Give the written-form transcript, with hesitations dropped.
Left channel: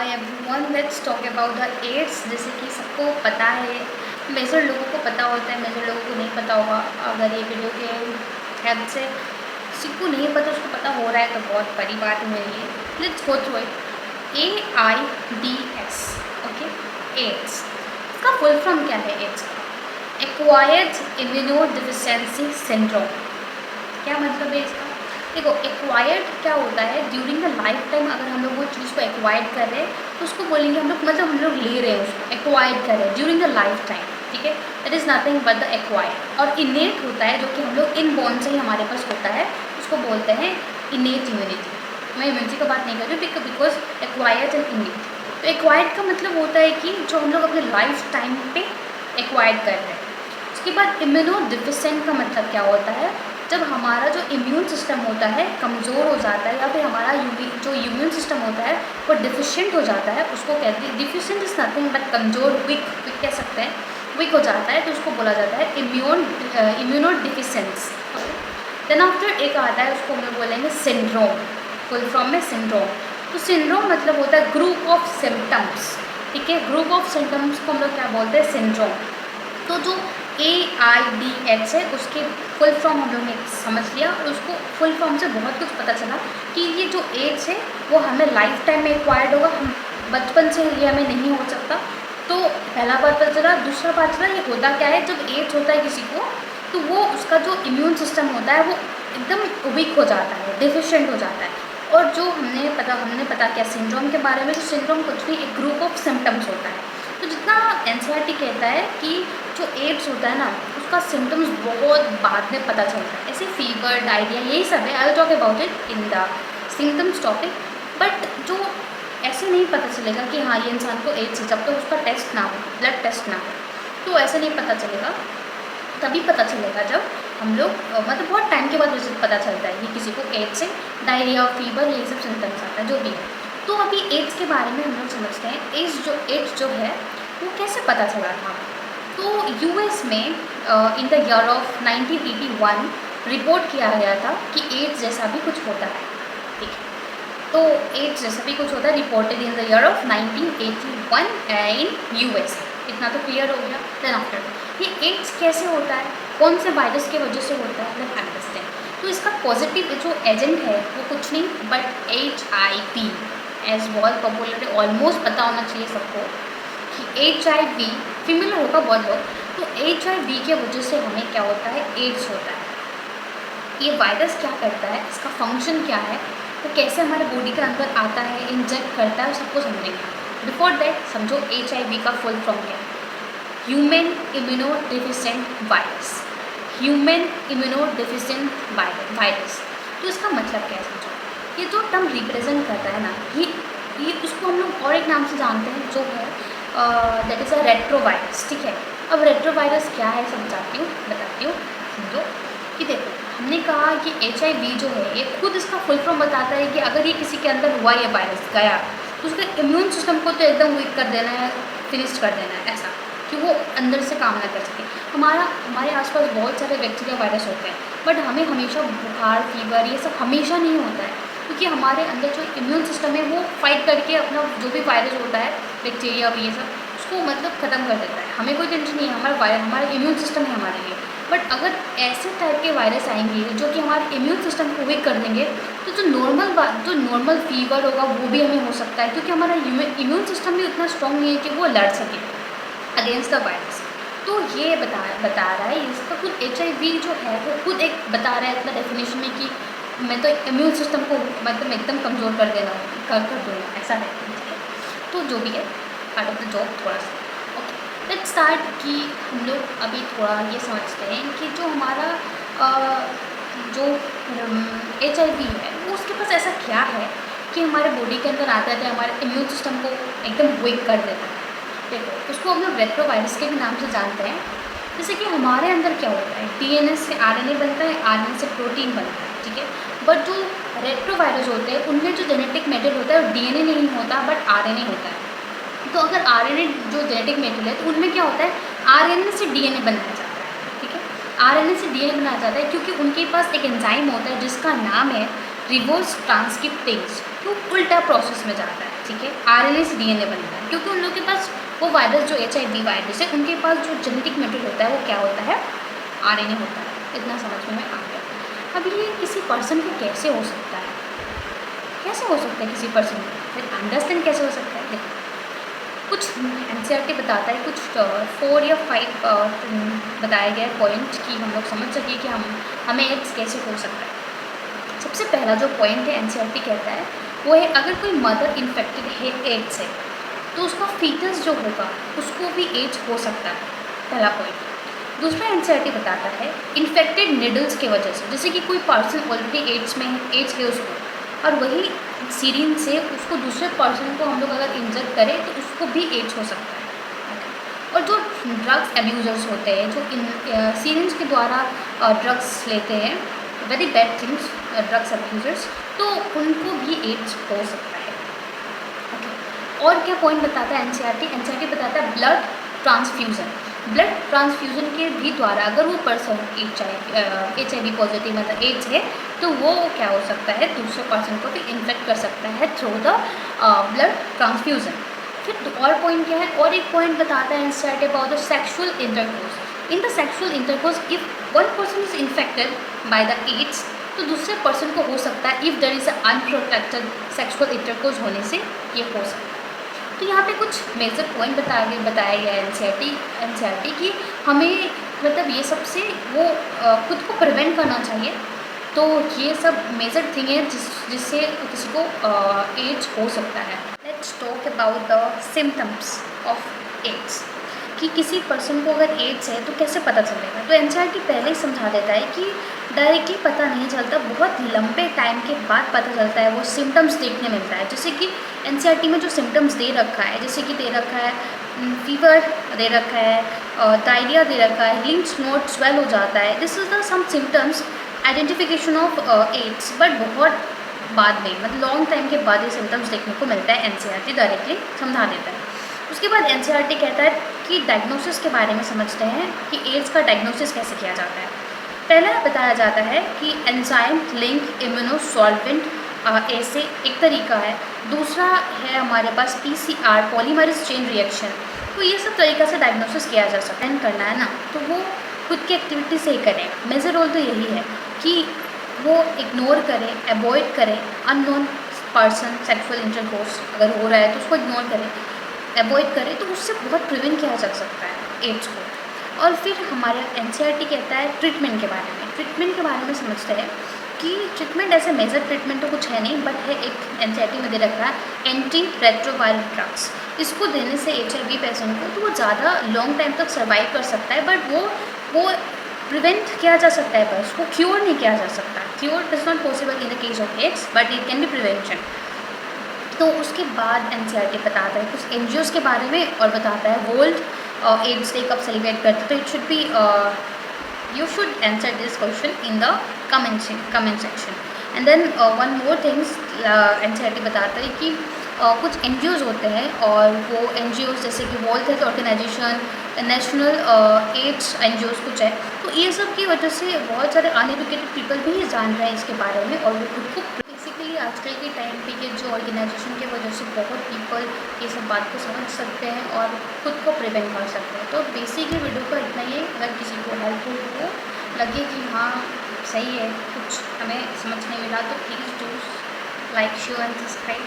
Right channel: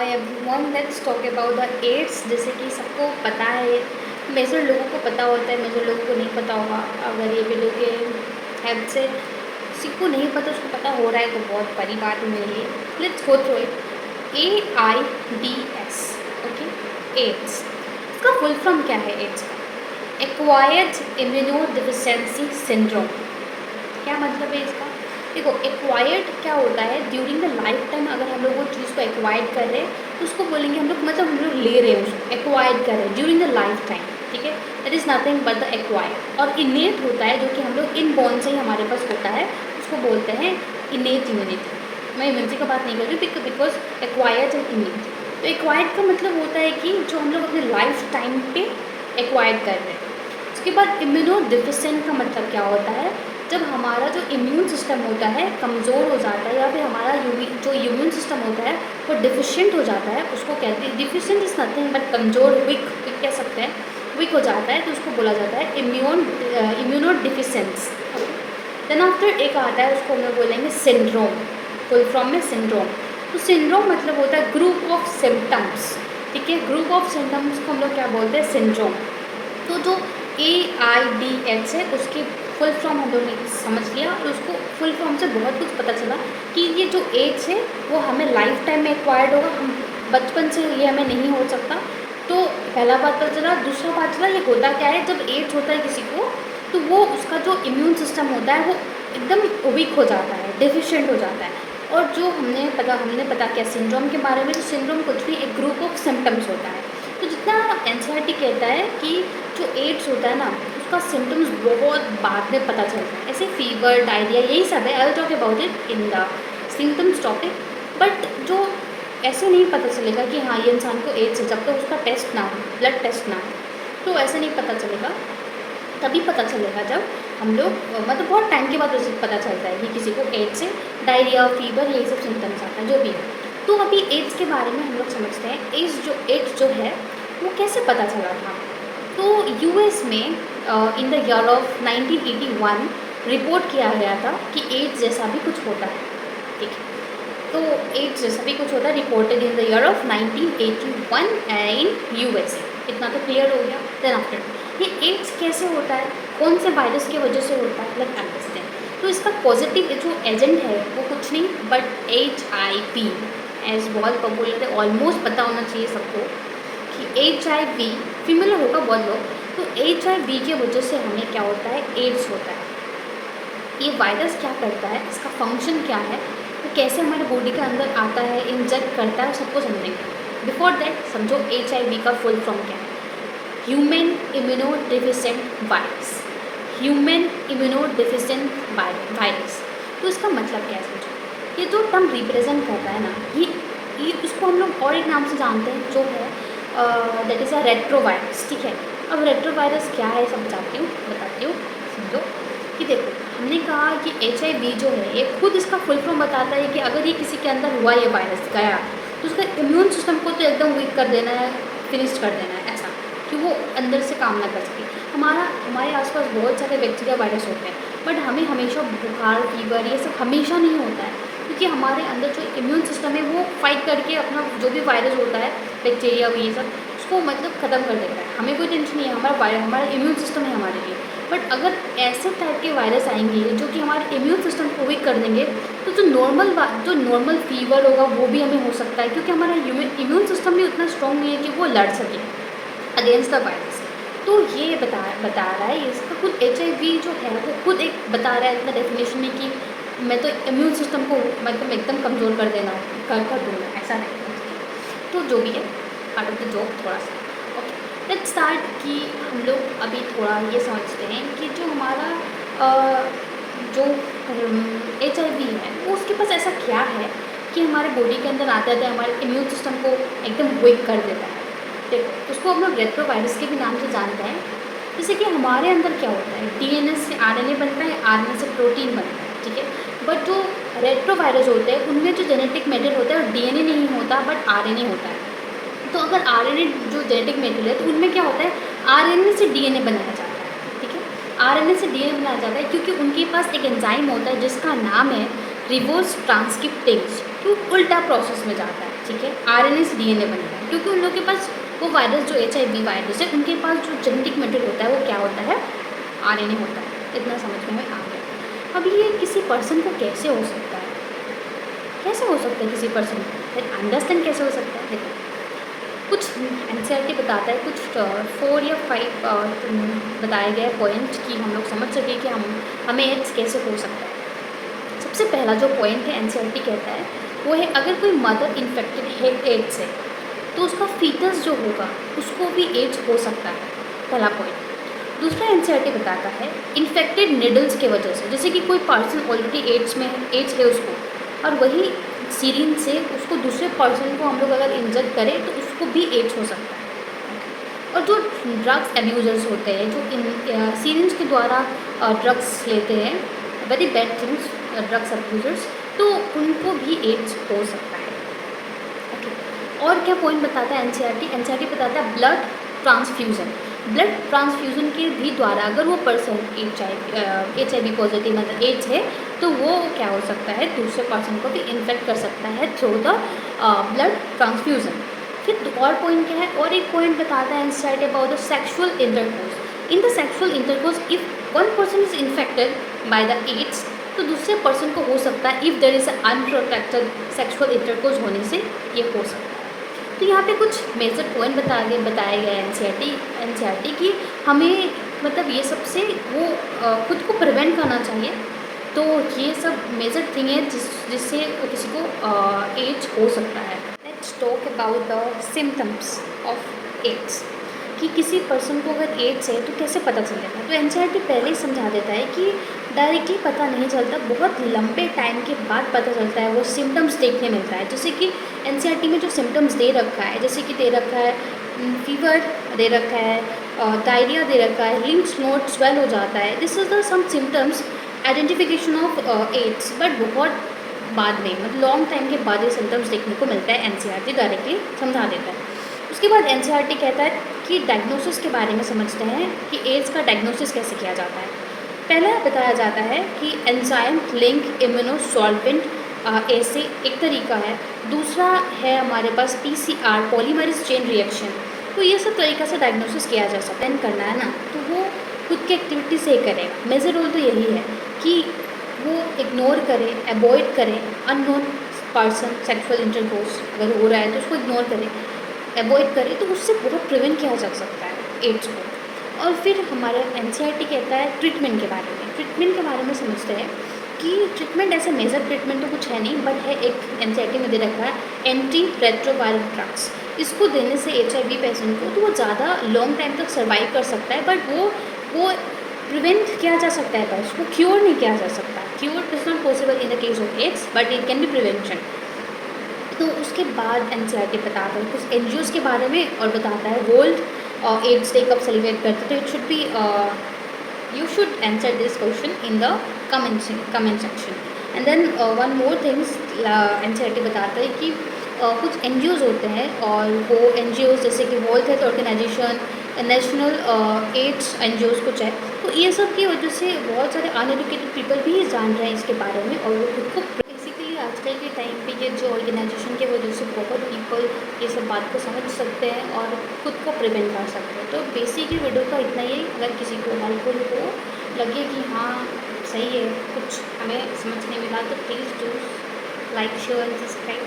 Hi everyone, let's talk about the AIDS. जैसे कि सबको पता है, मेजर लोगों को पता होता है, मेजर लोगों को नहीं पता होगा। अगर ये वीडियो के हेल्प से किसी को नहीं पता, उसको पता हो रहा है तो बहुत बड़ी बात है मेरे लिए। Let's go through it. AIDS, okay. AIDS इसका फुल फॉर्म क्या है? एड्स का एक्वायर्ड इम्यूनोडेफिशिएंसी सिंड्रोम। क्या मतलब है इसका? देखो, एक्वायर्ड क्या होता है? ड्यूरिंग द लाइफ टाइम अगर हम लोग वो चीज़ को एक्वायर्ड कर रहे हैं तो उसको बोलेंगे हम लोग, मतलब हम लोग ले रहे हैं उसको, एक्वायर्ड कर रहे हैं ड्यूरिंग द लाइफ टाइम। ठीक है, that is nothing but the acquired. और इनेट होता है, जो कि हम लोग इन बॉर्न से ही हमारे पास होता है, उसको बोलते हैं इनेट इम्यूनिटी। मैं इम्यूनिटी का बात नहीं कर रही हूँ, बिकॉज एक्वायर्ड एंड इनेट। तो एक्वायर्ड का मतलब होता है कि जो हम लोग अपने लाइफ टाइम पे एक्वायर्ड कर रहे हैं। उसके बाद इम्यूनोडेफिशिएंट का मतलब क्या होता है? जब हमारा जो इम्यून सिस्टम होता है कमज़ोर हो जाता है, या फिर हमारा जो इम्यून सिस्टम होता है वो डिफिशिएंट हो जाता है, उसको कहते हैं, डिफिशिएंट इज़ नथिंग बट कमज़ोर, वीक कह सकते हैं, वीक हो जाता है, तो उसको बोला जाता है इम्यूनोडेफिशिएंस। देन आफ्टर एक आता है, उसको हम लोग बोलेंगे सिंड्रोम। फुल फॉर्म में सिंड्रोम। तो सिंड्रोम मतलब होता है ग्रुप ऑफ सिम्टम्स। ठीक है, ग्रुप ऑफ सिम्टम्स को हम लोग क्या बोलते हैं? सिंड्रोम। तो जो AIDS है, उसके फुल फॉर्म हम लोग ने समझ लिया, और उसको फुल फॉर्म से बहुत कुछ पता चला कि ये जो एड्स है वो हमें लाइफ टाइम में एक्वायर्ड होगा, हम बचपन से ये हमें नहीं हो सकता। तो पहला बात पता चला। दूसरा बात चला, ये होता क्या है? जब एड्स होता है किसी को, तो वो उसका जो इम्यून सिस्टम होता है वो एकदम वीक हो जाता है, डिफिशिएंट हो जाता है। और जो हमने पता किया सिंड्रोम के बारे में, तो सिंड्रोम कुछ नहीं, एक ग्रुप ऑफ सिम्टम्स होता है। तो जितना NCERT कहता है कि जो एड्स होता है ना, उसका सिम्टम्स बहुत बाद में पता चलता है। ऐसे फीवर, डायरिया, यही सब है। I will talk about it in the symptoms topic. But जो ऐसे नहीं पता चलेगा कि हाँ ये इंसान को एड्स है, जब तक उसका टेस्ट ना हो, ब्लड टेस्ट ना हो, तो ऐसे नहीं पता चलेगा। तभी पता चलेगा जब हम लोग मतलब बहुत टाइम के बाद पता चलता है कि किसी को एड्स है, डायरिया, फीवर, यही सब सिम्टम्स आता है, जो भी है। तो अभी एड्स के बारे में हम लोग समझते हैं। एड्स जो है वो कैसे पता चला था? तो US में in the year of 1981 report किया गया था कि एड्स जैसा भी कुछ होता है। ठीक है, तो एड्स जैसा भी कुछ होता है, reported in the year of 1981 in USA। इतना तो क्लियर हो गया। देन आफ्टर, ये एड्स कैसे होता है, कौन से वायरस की वजह से होता है, लेट्स अंडरस्टैंड। तो इसका पॉजिटिव जो एजेंट है वो कुछ नहीं बट HIV, एज बहुत पॉपुलर है, ऑलमोस्ट पता होना चाहिए सबको कि HIV फिमिलर होगा बहुत लोग। तो HIV की वजह से हमें क्या होता है? एड्स होता है। ये वायरस क्या करता है, इसका फंक्शन क्या है, वो कैसे हमारे बॉडी के अंदर आता है, इंजेक्ट करता है, सबको समझेंगे। बिफोर दैट समझो HIV का फुल फॉर्म क्या है? Human immunodeficient virus. Human immunodeficient virus. तो इसका मतलब क्या है समझो। ये जो टर्म रिप्रेजेंट करता है ना, ये उसको हम लोग और एक नाम से जानते हैं, जो है दैट इज़ अ रेट्रोवायरस। ठीक है, अब रेट्रोवायरस क्या है समझाती हूँ, बताती हूँ, समझो। कि देखो, हमने कहा कि HIV जो है ये खुद इसका फुल फॉर्म बताता है कि अगर ये किसी के अंदर हुआ, ये वायरस गया, तो उसका इम्यून सिस्टम को तो एकदम वीक कर देना है, फिनिश कर देना है, ऐसा कि वो अंदर से काम ना कर सके। हमारे आसपास बहुत सारे बैक्टीरिया, वायरस होते हैं, बट हमें हमेशा बुखार, फीवर, ये सब हमेशा नहीं होता है, क्योंकि हमारे अंदर जो इम्यून सिस्टम है वो फाइट करके अपना जो भी वायरस होता है, बैक्टीरिया, ये सब, उसको मतलब ख़त्म कर देता है। हमें कोई टेंशन नहीं है, हमारा इम्यून सिस्टम है हमारे लिए। बट अगर ऐसे टाइप के वायरस आएंगे जो कि हमारे इम्यून सिस्टम को वीक कर देंगे, तो जो नॉर्मल फीवर होगा वो भी हमें हो सकता है, क्योंकि हमारा इम्यून सिस्टम भी उतना स्ट्रॉन्ग नहीं है कि वो लड़ सके अगेंस्ट द वायरस। तो ये बता रहा है, इसका खुद HIV जो है वो खुद एक बता रहा है इतना डेफिनेशन में कि मैं तो इम्यून सिस्टम को मतलब एकदम कमज़ोर कर देना कर दूँगा, ऐसा नहीं है। ठीक है, तो जो भी है, पार्ट ऑफ द जॉब थोड़ा सा। ओके, लेट्स स्टार्ट कि हम लोग अभी थोड़ा ये समझते हैं कि जो हमारा जो HIV है वो उसके पास ऐसा क्या है कि हमारे बॉडी के अंदर आते आते हमारे इम्यून सिस्टम को एकदम वीक कर देता है। देखो, उसको हम लोग रेट्रोवायरस के भी नाम से जानते हैं। जैसे कि हमारे अंदर क्या होता है, DNA से RNA बनता है, RNA से प्रोटीन बनता है। ठीक है, बट जो रेट्रोवायरस होते हैं उनमें जो जेनेटिक मेटेरियल होता है वो DNA नहीं होता बट RNA होता है। तो अगर RNA जो जेनेटिक मेटेरियल है, तो उनमें क्या होता है, RNA से DNA बनाया जाता है। ठीक है, RNA से DNA बनाया जाता है, क्योंकि उनके पास एक एंजाइम होता है जिसका नाम है रिवर्स ट्रांसक्रिप्टेज, तो उल्टा प्रोसेस में जाता है, ठीक है। आरएनए से डीएनए बनता है, क्योंकि उन लोगों के पास वो वायरस जो HIV वायरस है, उनके पास जो जेनेटिक मेटेरियल होता है वो क्या होता है, आरएनए होता है। इतना समझ में आ गया। अब ये किसी पर्सन को कैसे हो सकता है, कैसे हो सकता है किसी पर्सन को, अंडरस्टैंड कैसे हो सकता है। देखो कुछ एनसीईआरटी बताता है, कुछ 4 या 5 बताए गए पॉइंट कि हम लोग समझ सके कि हमें एड्स कैसे हो सकता है। सबसे पहला जो पॉइंट है एनसीईआरटी कहता है वो है, अगर कोई मदर इन्फेक्टेड है एड्स से तो उसका फीटस जो होगा उसको भी एड्स हो सकता है, पहला पॉइंट। दूसरा एनसीईआरटी बताता है इन्फेक्टेड निडल्स के वजह से, जैसे कि कोई पर्सन ऑलरेडी एड्स में है, एड्स है उसको, और वही सीरिन से उसको दूसरे पर्सन को हम लोग अगर इंजेक्ट करें तो उसको भी एड्स हो सकता है। और जो ड्रग्स अब्यूज़र्स होते हैं, जो इन सीरिंज के द्वारा ड्रग्स लेते हैं, very bad things, drugs abusers, तो उनको भी एड्स हो सकता है। ओके, और क्या पॉइंट बताता है एनसीईआरटी बताता है ब्लड ट्रांसफ्यूज़न। ब्लड ट्रांसफ्यूज़न के भी द्वारा अगर वो पर्सन HIV पॉजिटिव मतलब एड्स है तो वो क्या हो सकता है, दूसरे पर्सन को भी इन्फेक्ट कर सकता है थ्रू द ब्लड ट्रांसफ्यूज़न। फिर और पॉइंट क्या है, और एक पॉइंट बताता है NCERT about the sexual intercourse. In the sexual intercourse if one person is infected by the AIDS तो दूसरे पर्सन को हो सकता है, if there is a unprotected sexual intercourse होने से ये हो सकता है। तो यहाँ पे कुछ मेजर पॉइंट बताया गया है एनसीईआरटी कि हमें मतलब ये सबसे वो खुद को प्रिवेंट करना चाहिए। तो ये सब मेजर थिंग है जिससे किसी को एड्स हो सकता है। Let's talk about the symptoms of AIDS, कि किसी पर्सन को अगर एड्स है तो कैसे पता चलेगा। तो एनसीईआरटी पहले ही समझा देता है कि डायरेक्टली पता नहीं चलता, बहुत लंबे टाइम के बाद पता चलता है, वो सिम्टम्स देखने मिलता है। जैसे कि एनसीईआरटी में जो सिम्टम्स दे रखा है, जैसे कि दे रखा है फीवर दे रखा है, डायरिया दे रखा है, लिम्फ नोड स्वेल हो जाता है, this is the some symptoms identification of AIDS. But बहुत बाद में मतलब लॉन्ग टाइम के बाद ये सिम्टम्स देखने को मिलता है, एनसीईआरटी डायरेक्टली समझा देता है। उसके बाद एनसीईआरटी कहता है कि डायग्नोसिस के बारे में समझते हैं कि एड्स का डायग्नोसिस कैसे किया जाता है। पहला बताया जाता है कि एंजाइम लिंक इम्यूनोसॉल्वेंट ऐसे एक तरीका है। दूसरा है हमारे पास PCR पॉलीमरेज चेन रिएक्शन। तो ये सब तरीक़ा से डायग्नोसिस किया जा सकता है। करना है ना तो वो खुद की एक्टिविटी से ही करेगा। मेजर रोल तो यही है कि वो इग्नोर करे, अवॉइड करे अननोन पर्सन सेक्सुअल इंटरकोर्स अगर हो रहा है तो उसको इग्नोर करें, अवॉइड करें, तो उससे बहुत प्रिवेंट किया जा सकता है एड्स को। और फिर हमारे एनसीईआरटी कहता है ट्रीटमेंट के बारे में। ट्रीटमेंट के बारे में समझते हैं कि ट्रीटमेंट ऐसे मेजर ट्रीटमेंट तो कुछ है नहीं, बट है एक एनसीईआरटी में दे रखा है एंटी रेट्रोवायरल ड्रग्स। इसको देने से HIV पेशेंट को तो वो ज़्यादा लॉन्ग टाइम तक सर्वाइव कर सकता है, बट वो प्रिवेंट किया जा सकता है, पर उसको क्योर नहीं किया जा सकता। Cure is not possible in the case of AIDS, but it can be prevention. तो उसके बाद एनसीईआरटी बताता है कुछ NGOs के बारे में और बताता है वर्ल्ड एड्स डे कब सेलिब्रेट करते। तो it should be you should answer this question in the comment section. And then one more things NCERT बताता है कि कुछ NGOs होते हैं और वो NGOs जैसे कि World Health Organization, National AIDS NGOs कुछ है, तो ये सब की वजह से बहुत सारे अनएजुकेटेड पीपल भी जान रहे हैं इसके बारे में और वो खुद को बेसिकली आजकल के टाइम पे ये जो ऑर्गेनाइजेशन की वजह से बहुत पीपल ये सब बात को समझ सकते हैं और खुद को प्रिवेंट कर सकते हैं। तो बेसिकली वीडियो का इतना ही है। अगर किसी को हेल्पफुल हो, लगे कि हाँ सही है, कुछ हमें समझ नहीं मिला, तो please do like share and subscribe.